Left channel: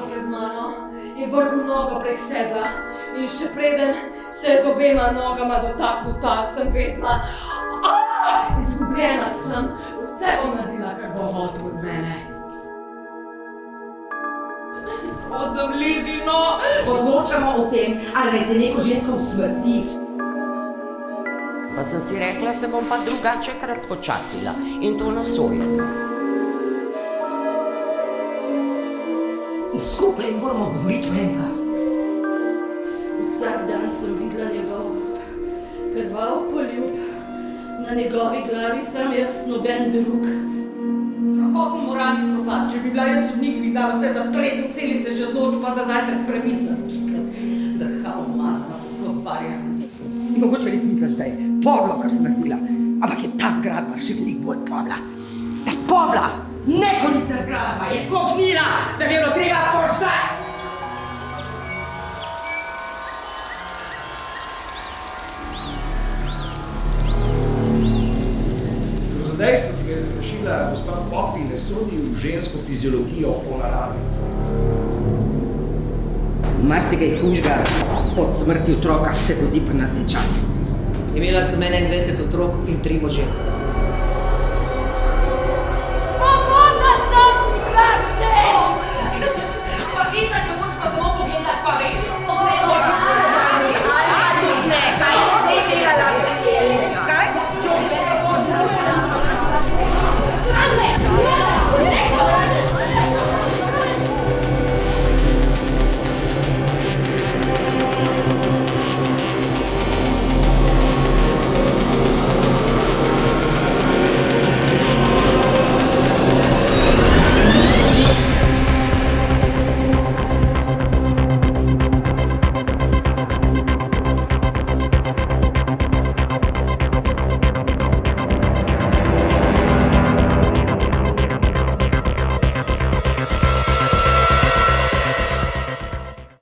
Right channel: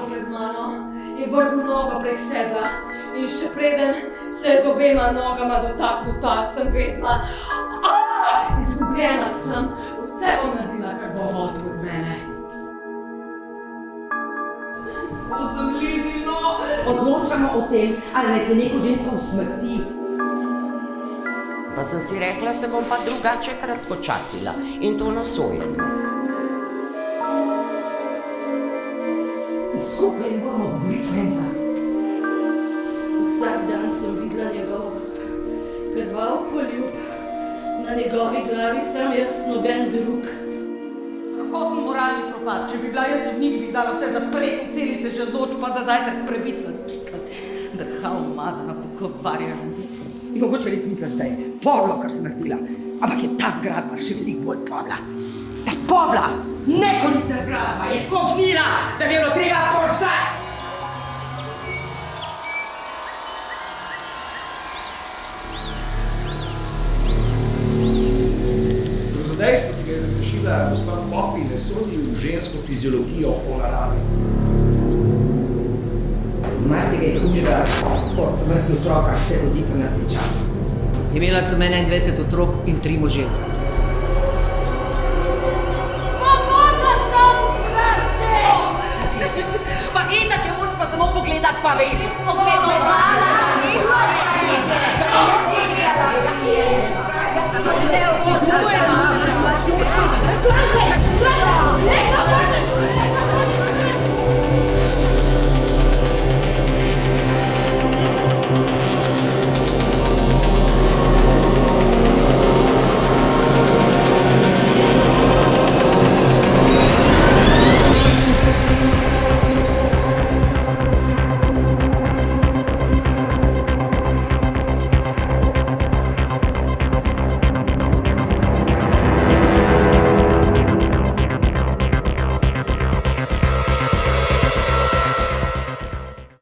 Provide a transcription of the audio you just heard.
stala pred mano in vrgel nogo prek sedla. In še preden se je z obema nogama dotaknil tal, sem vedela. Izgubljena sem, vse bom naredila, kar bo hotel od mene. Pa sem Lizi, no! Odločamo o tem, ali naj se neko žensko usmrti. Pa sem si rekla, se bom pa drugače kratkočasila in to na sojenju. Skupaj moramo govoriti v en glas. Vsak dan sem videla njegov krvav poljub, na njegovi glavi sam jaz, noben drug. Strahotni moralni propad. Če bi bila jaz sodnik, bi dala vse zapret v celice, že z noč pa za zajtrk prebicla. Drhal umazana pokovarja. In mogoče res misliš, da je podlo, kar sem naredila, ampak je ta zgradba še veliko bolj podla. Ta podla, nekoristna zgradba je pognila, da bi bilo treba požgati. Dejstvo, ki ga je zagrešila gospa Popi, ne sodi v žensko fiziologijo po naravi. Marsikaj hujšega od smrti otroka se godi pri nas te čas. Imela sem 21 otrok in 3 može. Svobodna sem, prosti! Pa itak jo moraš pa samo pogledati, pa veš.